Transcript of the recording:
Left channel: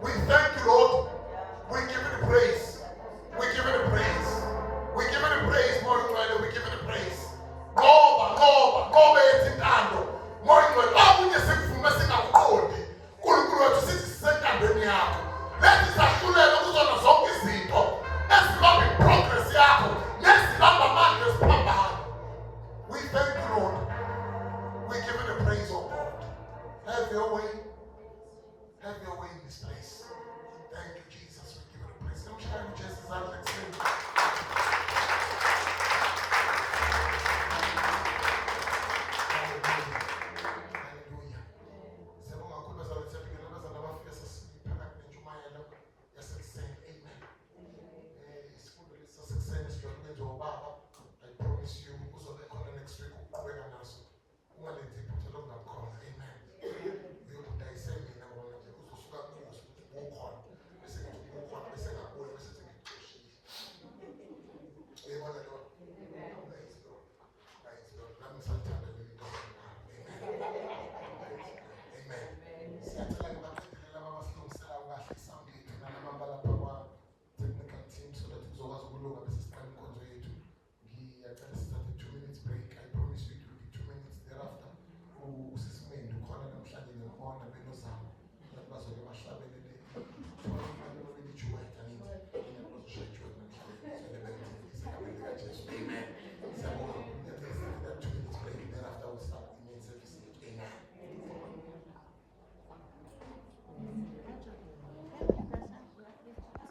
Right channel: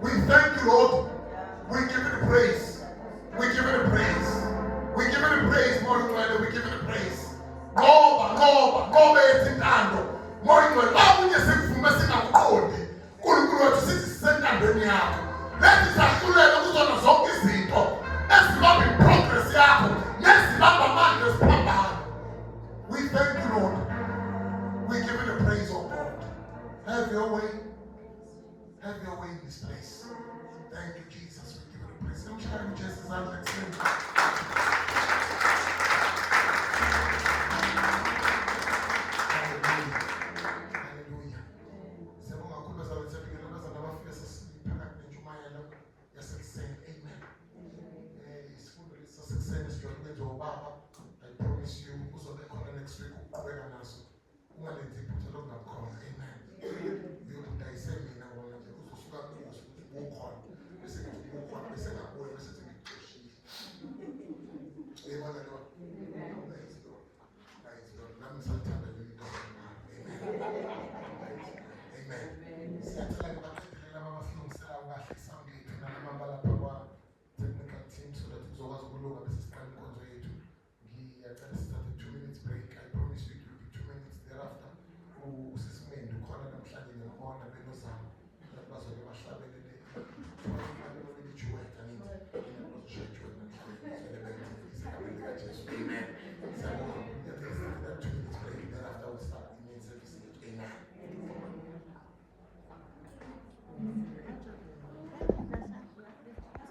We thank you, Lord. We give you the praise. We give you the praise. We give you the praise, morning glory. We give you the praise. Ngoba yethando. Morning glory. Awunye sifumase nakuqondi. uNkulunkulu wethu sithi sisentandweni yakho. Lethi sahlulela kuzona zonke izinto ezibamba iprogress yakho nezibamba amandla esiphambano. We thank you, Lord. We give you the praise, oh God. Have your way. Have your way in this place.